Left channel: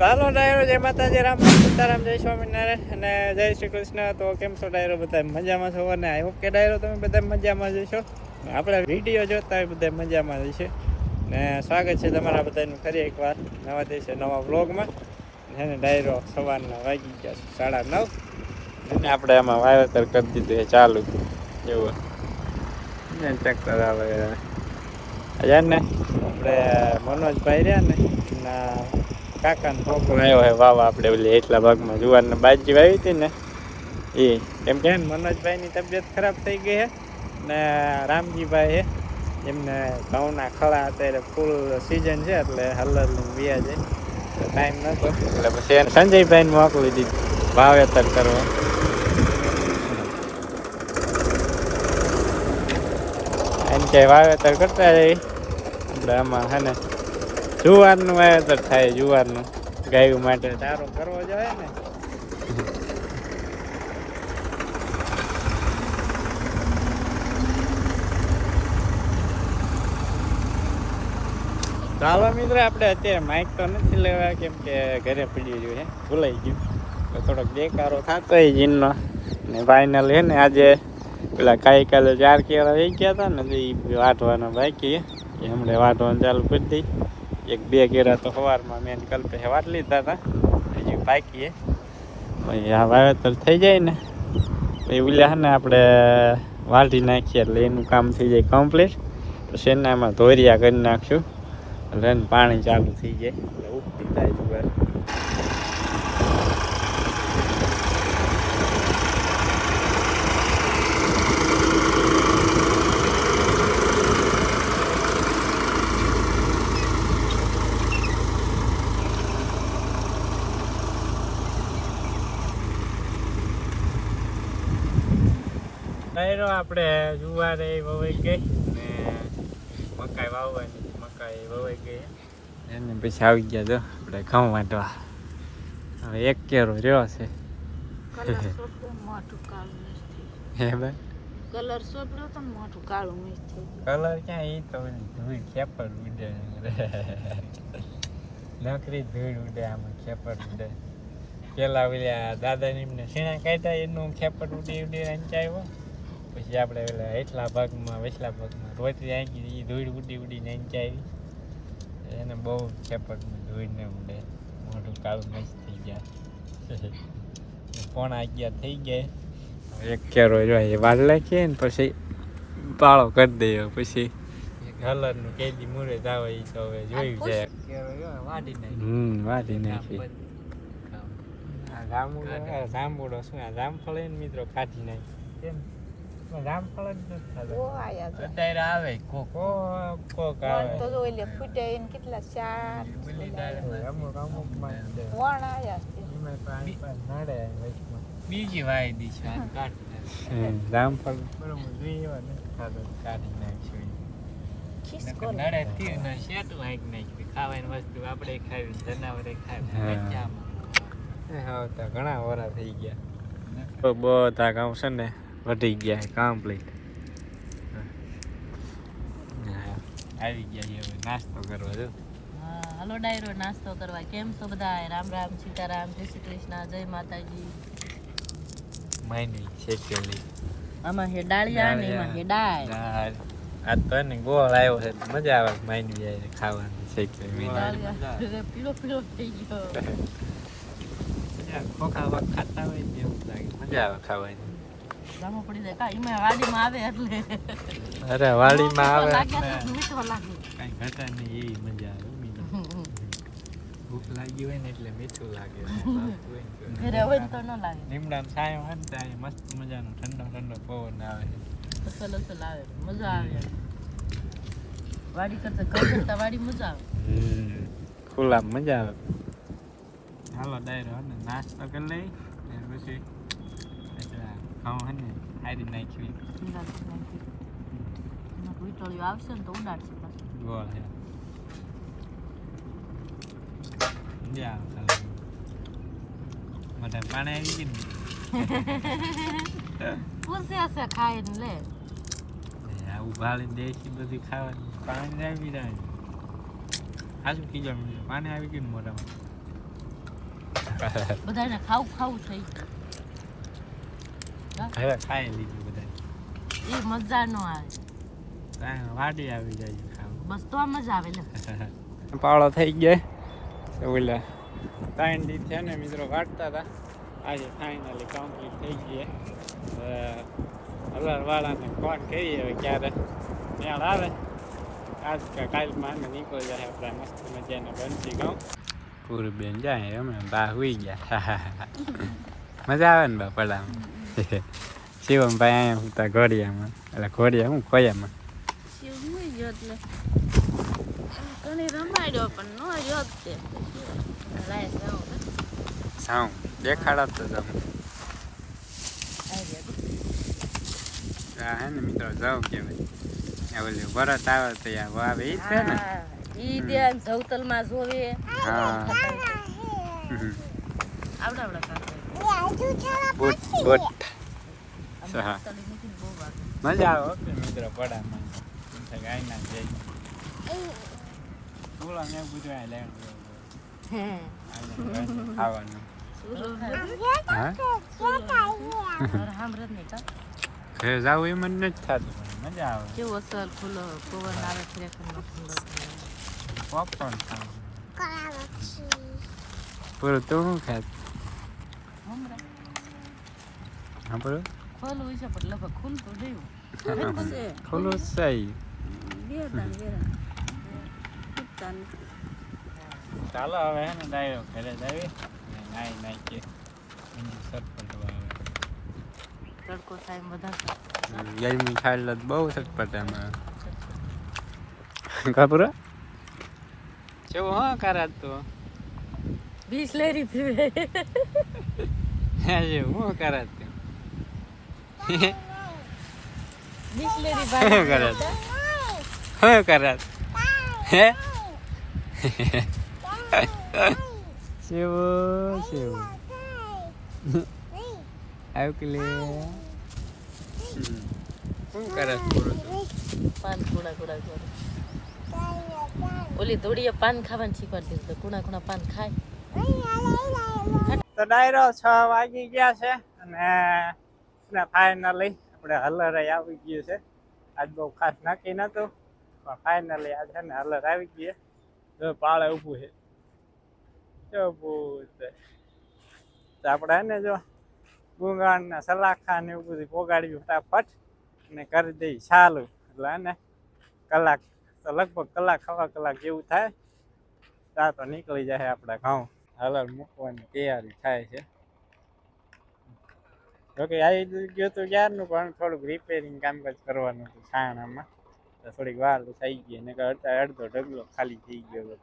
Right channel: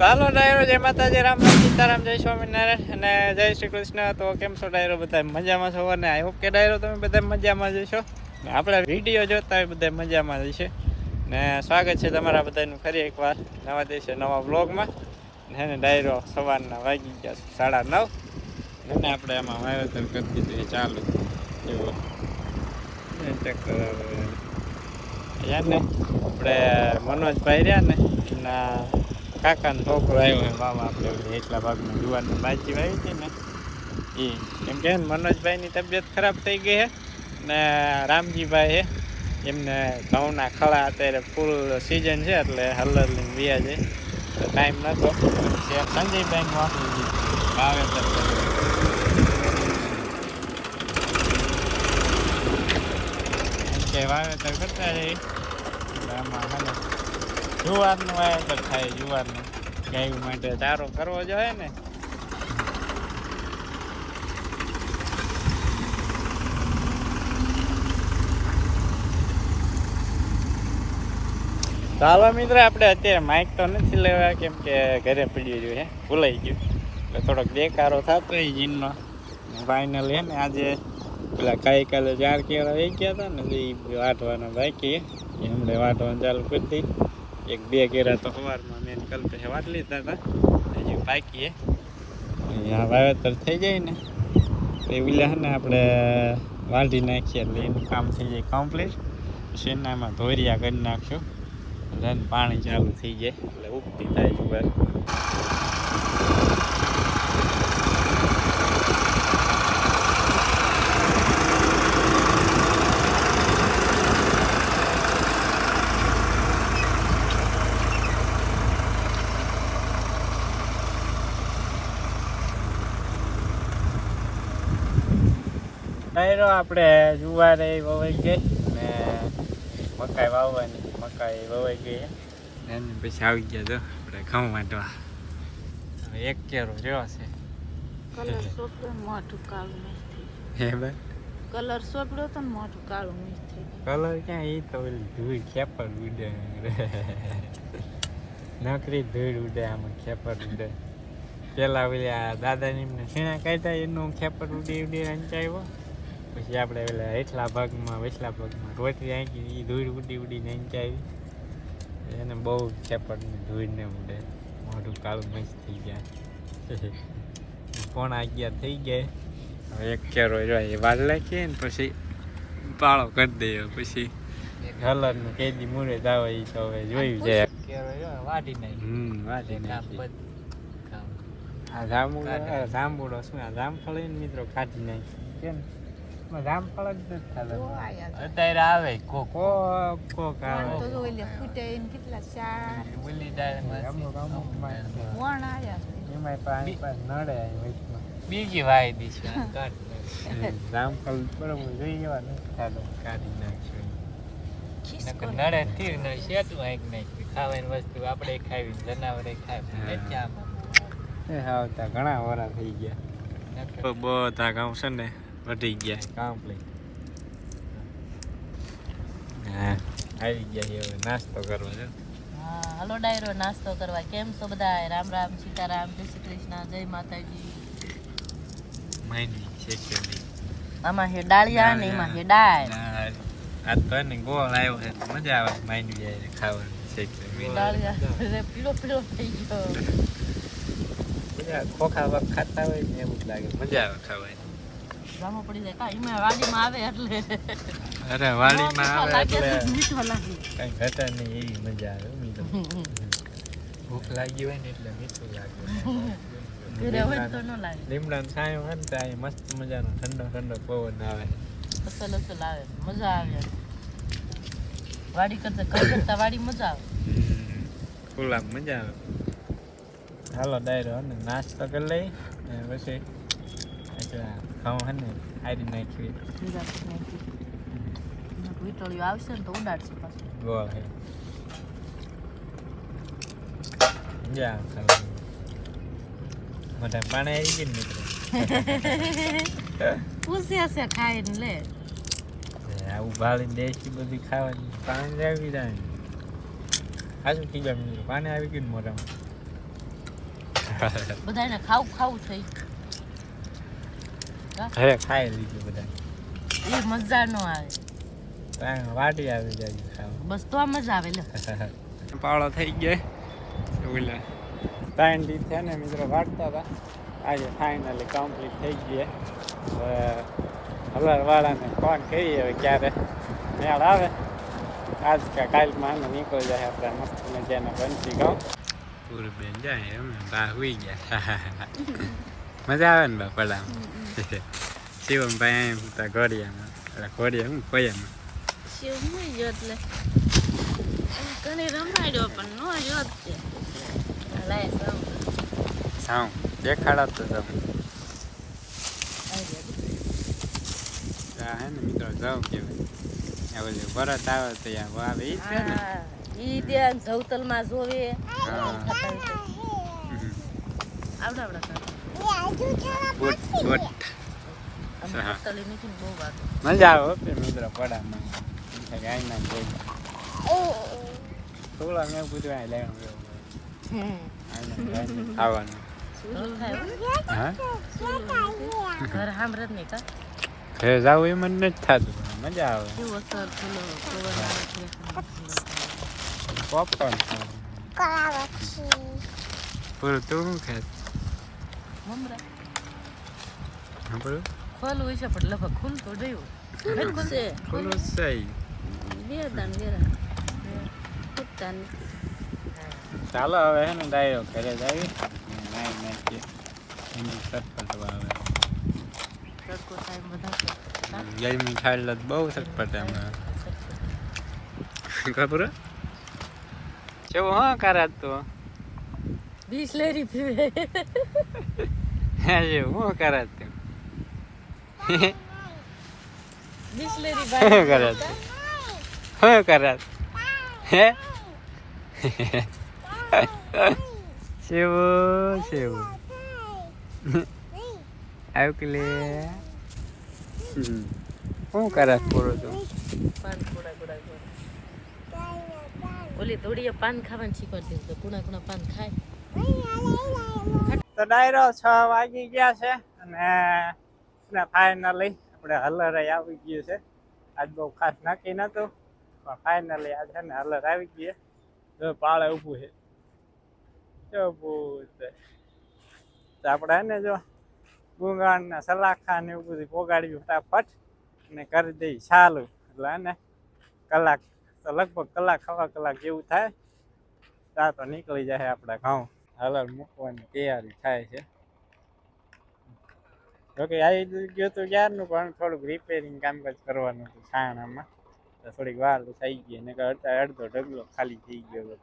હાલો ડાયરો, જય માતાજી, રામ રામ, સીતારામ, જય સ્વામિનારાયણ અને જય શ્રી કૃષ્ણ. તો કેમ છો ડાયરો બધા મજામાં છો? અને આઈ હોપ કે ડાયરો તમે બધા મજામાં જશો ને આપણા વીડિયો જોતા હોય બધા મજામાં જશે ને સ્વાગત છે તમારા બધાનું ફરી એકવાર નવા દિવસે નવા વ્લોગમાં. ને ડાયરો સવારના વાગી ગયા છે સાડા નવ. ને ને આપણે આમાં વાવેતર કરી દીધું એ ચાલુ. એવું ને ટ્રેક્ટર આવે. હજાર ને આપણે મનોજભાઈ રહ્યા ને એના કાકાનો છોકરો આવ્યો હોય વાવા આપણે ઓલી એટલા ભાગમાં જુવારના બાજી આવી હતી ને એ એમ કે મનોજભાઈની તબિયત ખરાબ થઈ ગઈ છે ને રામજીભાઈ હે, એમને ઘઉંના ખળા અત્યારે ફૂલ સિઝન છે એટલે હલર લઈને વ્યા જાય. તો ટાઈમ નહોતો એટલે પછી એને સંજયભાઈનું આપી દીધું વાવેતર કરવા એમ કે વાવેતર કરતા રહી. એટલે આમાં હે ને જુવારનું વાવેતર થાય જુવારનું ગાયું માટે. સારો કરવો જોઈએ ને. ચાલો મિત્ર આપણે અત્યારે માઇક તો નથી લેવા કેમ કે ઘરે પડ્યું છે ભૂલાઈ ગયું. એટલે થોડોક દેકારો થતો એ જીનનો. ને ફાઇનલ છે ને આજે પેલા કાઈ કાલે ચાર કેળા વહી ગયા હતા ને એ વાટવાના બાકી હમણાં વાટવાનું ચાલુ કરી દઈ એક બે કેળા તો સવારમાં મેં કલ્પે વાટ લીધા હતા. હજી છે. પછી આ વાવેતર થઈ જાય ને, પછી ઉલ્યા ને આપણે વાઢી નાખીએ એટલે એનું કામ થઈ જાય કમ્પ્લીટ પછી એને આમાં ધોરિયા કરી નાખ્યું. એટલે પાણી ચાલુ થઈ જાય. એટલે ઉગતી થાય જુવાર. ડાયરો આપણે જુવારે વવાઈ ગઈ ને મકાઈ વાવવાની મકાઈ વવાઈ ગઈ. એને પછી આવી ગયા તો આપણે ઘઉં વાંધવા હવે એક કેરો રહ્યો છે. હે ભાઈ? કલર તો ને કાળું મિક્સ થઈ કલર ક્યાં? એ તો ધૂળ ખેપર ઉડે. નકરી ધૂળ ઉડે આમાં ખેપર ઉડે. પેલા ઓલા દાદાને એમને શેણા કાઢ્યા એનું ખેપર ઉડી ઉડી અંચાવ્યો પછી આપણે પેલા હેઠલા ભાગમાં વેચલા ભાગમાં રોટલી આંકી એ ધૂળ ઉડી ઉડીને અંચાવી એને બહુ ખેપર ધૂળ ને ઉડે મોઢું કાળું મસ્ત થઈ જાય. કોણ આગ્યા થઈ ગયા. એક કેરો એ વાલ લાખીએ ને પછી પાળો કરી દઈએ. પછી કલરનું મૂરે મૂળે આવે એ તો હવે જોયું છે. હમ વાટી નાખી આ જાંબુ આ જાંબુડો શું આ જામફળ મિત્રો ખાધી નાખી. કેમ? જામફળ જ છે. અત્યારે આવે કોક. કોક કોક વણ તો આવે જો ઓલે ફૂટ્યા એને કેટલા ચાર. ઓલી ડાળમાં અમુક અમુકમાં છે. વણ આયા એમાં તો અહીં પાસે નડે વચમાં બીજી વાય દીધી આ કાઢ જામફળ બરોબર જોઈએ એવા નથી તો કાઢી નાખ્યો નડે તીર ન શેતું હાંક નાખી ખાવાની વસ્તુ આપણે ખાવી જનાવરે ખાવી. નથી આમાં એ આવતા ઘણા વરા થઈ ગયા. બધા કામ છે ને વધી ગયા કમ્પ્લીટ હા. આવી ગયા છે હવે નાસ્તો કરવા જો. હલો ડાયરો નાસ્તો કરવા. કેમ છો બધા? રામ રામ સીતારામ જય શ્રી કૃષ્ણ જય માતાજી. માની છે કેલી આમાં હે ડાળિયા ને એમાં હે દાળ. દાળ. આ તો એને ગોળ આવ્યો છે તો મજા આવે માંડવી જાય ખાવાની ડાળિયા રે પીળો પીળો થઈ ગયો. મજા ખોખા ખાતા હોય ને એવું જ લાગે મજા આવે ખાવાની. પડી જાય. કા એમાં વાડીમાં આવે એટલે. અરે વાડીમાં આવે એટલે મીઠો લાગે. કઈ ઘટે નહીં એવી મજા આવે ભૂખ લાગી હોય ને એટલે મીઠું લાગે ઘરે તો ન લાગે. લીમડાનો છાંયો હોય ને ત્યાં મસ્ત મજાનો ઠંડો ઠંડો પવન આવે. અસલ અસલ આવે. મજા આવે. વાડી કરતા કરતા વાડી મજા આવે. ખુલ્લા મજા આવે. હાલો ડાયરો નાસ્તો કરી લઈ અને પછી હે ને હારી નાખી નિરાશ નાખી. એમાં વીટળીઓ આવશે ને તો ઉડાડશે પાછું. ગોળ હે. આવે ખાવાની મોઢા પાણી આવી ગયું ને મિત્રો. પૂછે છે ખાઈને લે. આવું ઉભાળીને દેશી બધી ખાવાની. પાણી આવી જાય સાચું કીધું મિત્રો? પાણી આવી ગયું મોઢામાં? બધાને ખાવું ખાવું થઈ હવે ખાઈ લીધું બધા એ મજા નો આવે. વાટી આવી જાય ખાવા. બસ તો મજા આવે લે. પાળો થઈ ગયા. ઓલા ત્રણ દી છે ને મિત્રો વાટતા હતા. આજે ફાઇનલી કમ્પ્લીટ થઈ ગયા. હવે હલરવાળાને ફોન કરીએ હવે ક્યારે. મેળ આવે? આજ કે કાલમાં અમે નીકળી જાય આપણે મસ્ત મજાના બનતી ગાઉં પૂરી બેન જાય અમે બા હુઈ ગયા. મજા આવે ને બા પડામાં? શિવમ ભાઈ અહીંયા સુતા ઘોડિયામાં એટલે ઘોડિયા હું ખોયામાં. શિવ નહીં જો એટલે. તને રમાડ્યો પણ નો જો તે. લાય જાઉં સાઉ દેખાડા તો આવી આ હે ને મિત્રો જાઉં કેવાય આ ઓલું વરત આવે તો યા વાવે ઈ છે ને? ઈ ધ્યાન જવતલમાં જોવે. હા. આવડા આવડા કાકા બોટ બોટ. મજા આવે ઓકે મિત્રો ના જઈ થોડા મેં પૂછવા આ લેવાનું હા? ઘર જાવું એ મને નથી થતું મજા આવે. પોપકોર્ન પૂરું તું શું ખાત હા પૂરું હોય છે પણ લગભગ ફૂલ તો રહ્યું છે. ખુલ્લું છે ચાલો હવે હે ને ડાયરો ઘરે જાવી ને નાઈ નાખીએ ઊંધી સટપટ આવે. ગરમી થાય. એટલે તો બહુ સટપટ એમાં ખબર કેવું હા કરાત તો? બિસ્લેરી પીવે. આજે હું કરાત તું બિસ્લેરી ભાઈ કરે હું કરાત હે? શિવ શિવ. આવ કે લે. શું કરે પૂરો તો? પાન કુણા કુણા કરે. ઓલી દોડીએ પાન ખાવાનું શીખવાડી દીધું કુણા કુણા પાન ખાય. તો ડાયરો છ વાગી ગયા છે અને ફાઇનલી આપણે હલર આવી ગયું છે. આજ બહુ ખાસ નક્કી નહોતું, પણ ફાઇનલી આજે ને હલર આવી ગયું જો પાળે ઊભું છે. તો આપણે એને જો ગુંગાણ ને સલાખા ને એવું બધું પોગાડ્યું ફટાફટ અને કરી દઈ ચાલુ. એટલે એને કલાક તો લગભગ કલાક સવા કલાક જેવું થાય. ત્યાં તો નીકળી જાય આપણા ઘઉં. હલર મૂકવાની તૈયારી થાય છે જોકે આવી ગયું તો ક્યારનું, પણ થોડુંક રિપેરિંગ કામકાજ કરવાનું હતું, છાણામાં થોડીક વાર થઈ ગઈ ને અડધા ઢગલો ખાલી થઈ ગયો.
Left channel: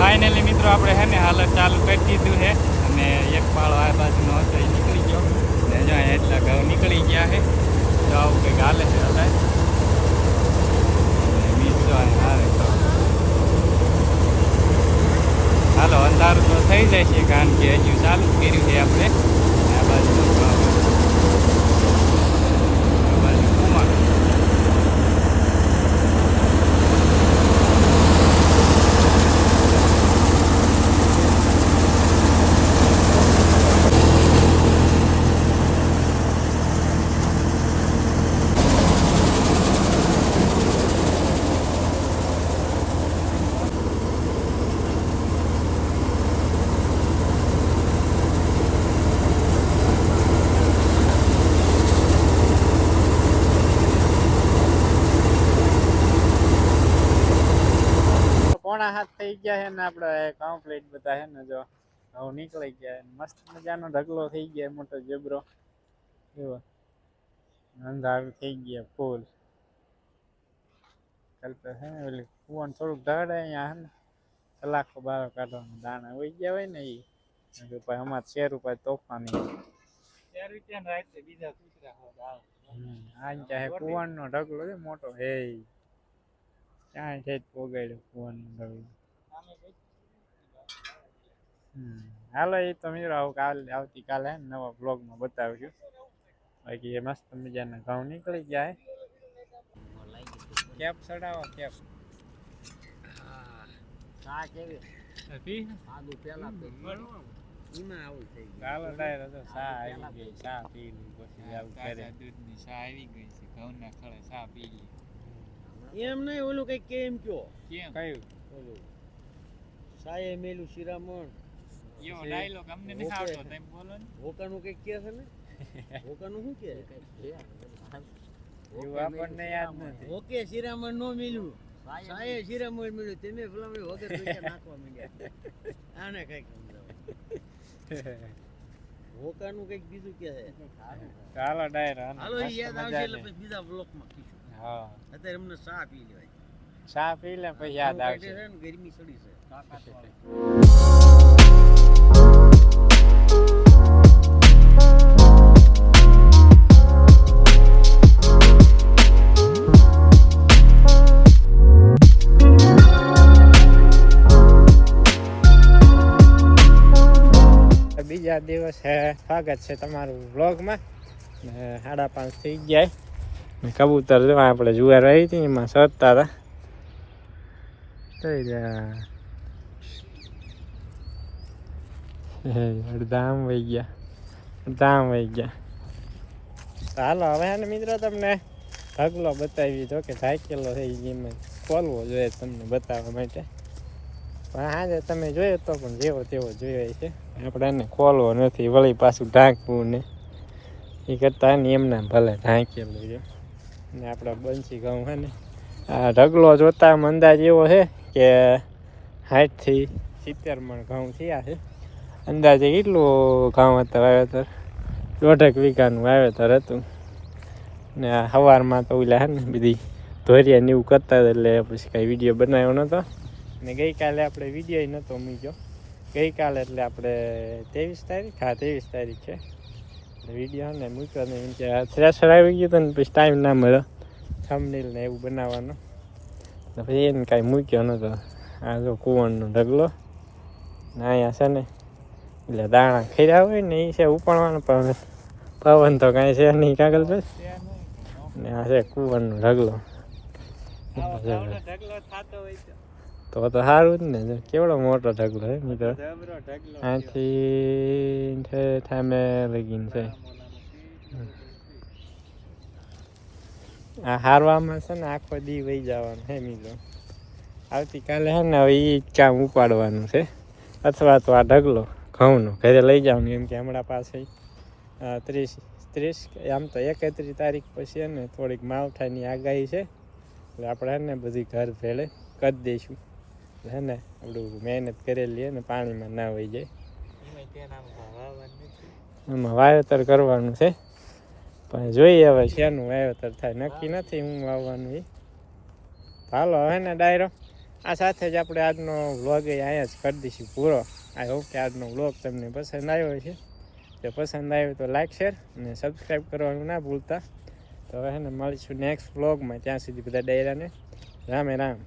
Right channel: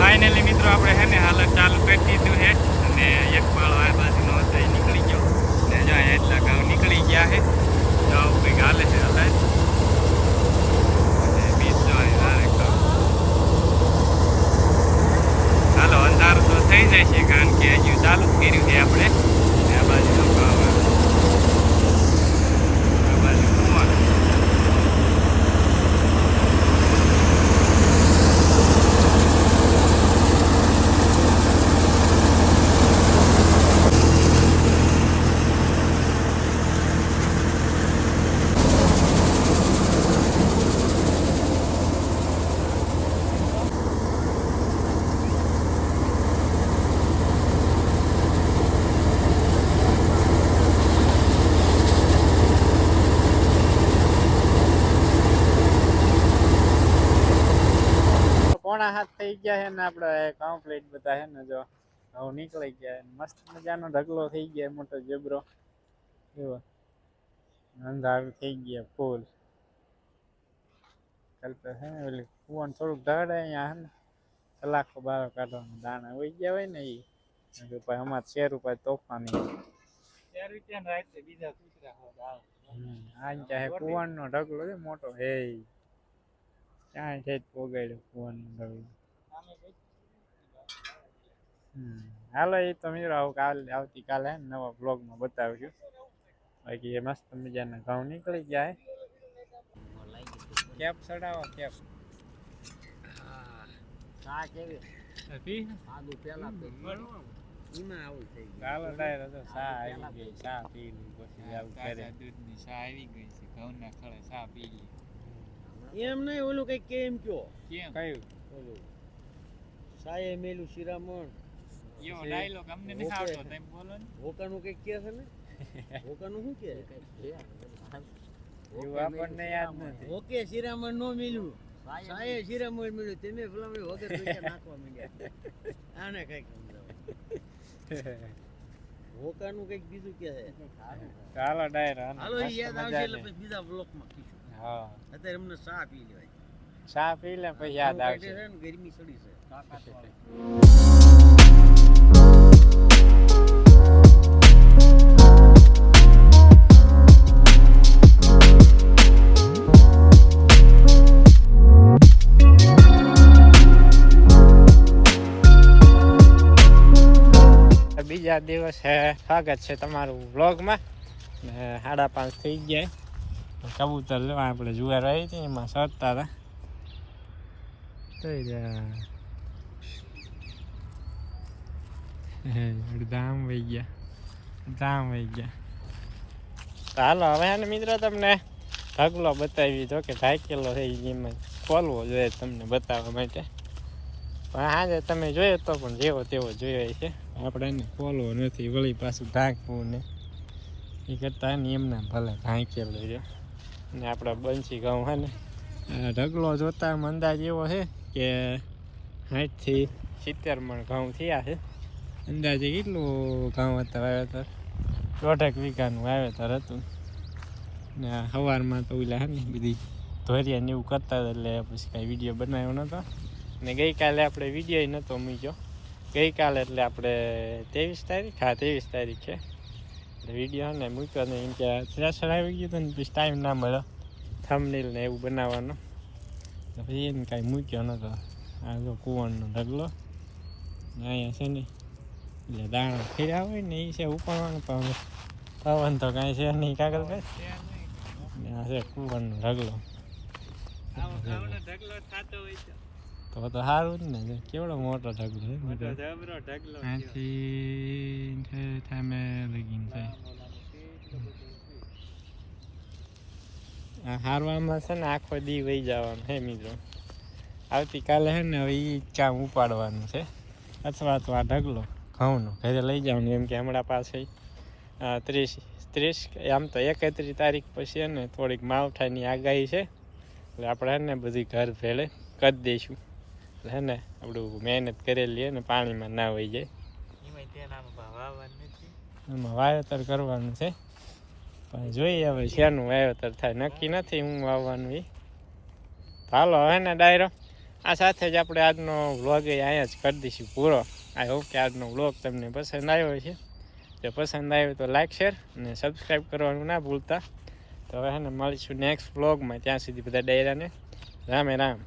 ફાઇનલી મિત્રો આપણે હે ને હાલત ચાલુ કરી દીધું છે અને એક પાળો આ બાજુનો હતો, એ નીકળી ગયો. ને જો એટલા ઘઉં નીકળી ગયા છે તો કંઈક હાલે છે હવે બીજ. હાલો, અંધારું તો થઈ જાય છે, કારણ કે હજુ ચાલુ જ કર્યું છે આપણે. આ બાજુનો ઘઉં આ બાજુ કુંવાર પોણા હાથ થઈ ગયા છે ને આપણે કમ્પ્લીટ બધા છે ને જો હવે નીકળી ગયા મસ્ત મજાનો ઢગલો થઈ ગયા મોટો જબરો એવો અંધારું થઈ ગયા ફૂલ. આજકાલ તો હે ને ઓલી કુવાનું થોડુંક ઢાળે અહીંયા હે ને, કલાકો બારો કાઢવાનું દાણા હોય ગયા હોય ને એ ભાઈ શેર ઉપર તોફાની. ચાર રૂપિયા રાતે બીજા કૂતરા ઢગલો છે મોટો. હે. ક્યાં છે પોગાડ્યો કુવાનો ઢગલો. હાલો એ તો મિત્રો આવું કાલે આવતીકાલે હે ને નવા બ્લોગમાં બતાવ્યું બાકી એ મસ્ત મજાના ઘઉં નીકળી ગયા કેપ ચડાવો કેપ. ચા કેવી? પી? આદુ પેલા એમાં આવું થઈ ચાલો ડાયરો તો સા આવી ગઈ ચા પી લીધી પછી આવું કરે. દૂધની સા આવી ગઈ છે ઘઉંના ખળે સા પી લી. એમ નહીં ઓલું કઈ કેમ કયો? કેમ? કયું? ઓલું. સાયે મેલું શિરામણ. એવો ડાયલોગ અમને નહીં ઓકે. તમે બોલો ને. હોકાનું કંઈક કે છે ને? હોકાનું શું કે એવું આપણને યાદ નથી. ઓકે શિરામણ નો મિલ્યું. સાયે શિરામણ મિલ્યું. તમે ફલામણી વગર પૈસા નાખવા માંડ્યા. આને કંઈક હોકાનું કંઈક બીજું કે છે. ડાયરો હાલો, યાદ આવશે એટલે. પછી બીજા બ્લોકમાં કીધું હા. અત્યારે અમને ચા પી લેવાય. ચા પી લે પછી યાદ આવશે. ગરમી ચડી છે. બીજા દિવસે સ્વાગત છે તમારું વ્લોગમાં. ને સાડા પાંચ થઈ ગયા. ને કબૂતર જો આપણે જુવાર રહી હતી એમાં સરતા હતા. થઈ ગયા હે, અડધા આમ વહી ગયા. અડધામ વહી ગયા. હાલો હવે હે ને મિત્રો તમને ઢગલો બતાવી જો કે ઢાકેલો છે ઈ એમાં. ખોલવો જોઈએ તમને બતાવવા માટે. પણ આજે તમે જોયો તો પણ જેવો તેવો જોયો છે આપણે એને ખોલવો નથી વળી પાછું ઢાંકવું ને. એ કરતાં એમને ભલે ઢાંકેલું છે. ને આપણા બંસી ઘઉં છે ને. આ ઢગલો જોતા અંદાજ એવો છે કે સાઠથી સિત્તેર મણ ઘઉં થયા છે. અંદાજે કેટલું ઘઉં હતા વાવેતર દોઢેક વીઘાનું વાવેતર હતું. ને સવારમાં તો ઓલા હે ને બધી ધોરિયા ને એવું કરતા એટલે પછી કાંઈ વીડિયો બનાવ્યો નહોતો. ને ગઈકાલે આપણે વીડિયો નહોતો મૂક્યો. ગઈકાલે એટલે આપણે ત્રેવીસ તારીખ? હા, ત્રેવીસ તારીખ છે. એટલે વીડિયો ને મૂક્યો ને એમ કે થ્રેસર આવી ગયું હતું ને પછી ટાઈમ ના મળ્યો થમનીલ ને એવું બનાવવાનો. પછી એને કાંઈ મૂક્યો નહોતો. આ જો કુવરનો ઢગલો. ને અહીંયા છે ને એટલે દાણા ખીરા હોય ને એ છે ઉપાડવાનું પણ પવન તો કાંઈ છે નહીં કાગળ પર ને આ છે કુવરનો ઢગલો. તો તો સારું જ ને કેવડો મોટો ઢગલો હે મિત્રો. આથી ઠામે લગીન છે. આ હારવામાં છે ને આખો દી વહી જવાનો હે મિત્રો. આવતીકાલે હે ને હવે એ કામ ઉપાડવાનું છે. અથવા તો આ ઢગલો. ઘઉંનો ઘરે લઈ જવાનું એમ કે હમણાં પાસે ત્રીસ ત્રીસ આમ તો એકત્રીસ તારીખ પછી ને થોડીક માવઠાની આગાહી છે. એટલે આપણે હે ને બધી ઘર ભેળે કરી દઈશું. એટલે હે ને આપણું મહેનત કરેલી ને પાણીમાં ના હોય જાય. એમાં વાવેતર કરવાનું છે. પણ જોઈએ હવે શેનું વાવેતર થાય. નક્કી નથી હું વાવવાનું એ હાલો હવે ને ડાયરો. આ સાથે જ આપણે આજનો વ્લોગ અહીંયા જ કરી દઈશું પૂરો. આઈ હોપ કે આજનો વ્લોગ તમને પસંદ આવ્યો છે જો પસંદ આવ્યો તો લાઈક શેર અને સબસ્ક્રાઈબ કરવાનું ના ભૂલતા. તો હવે ને મળીશું નેક્સ્ટ વ્લોગમાં ત્યાં સુધી બધા ડાયરાને રામે રામ.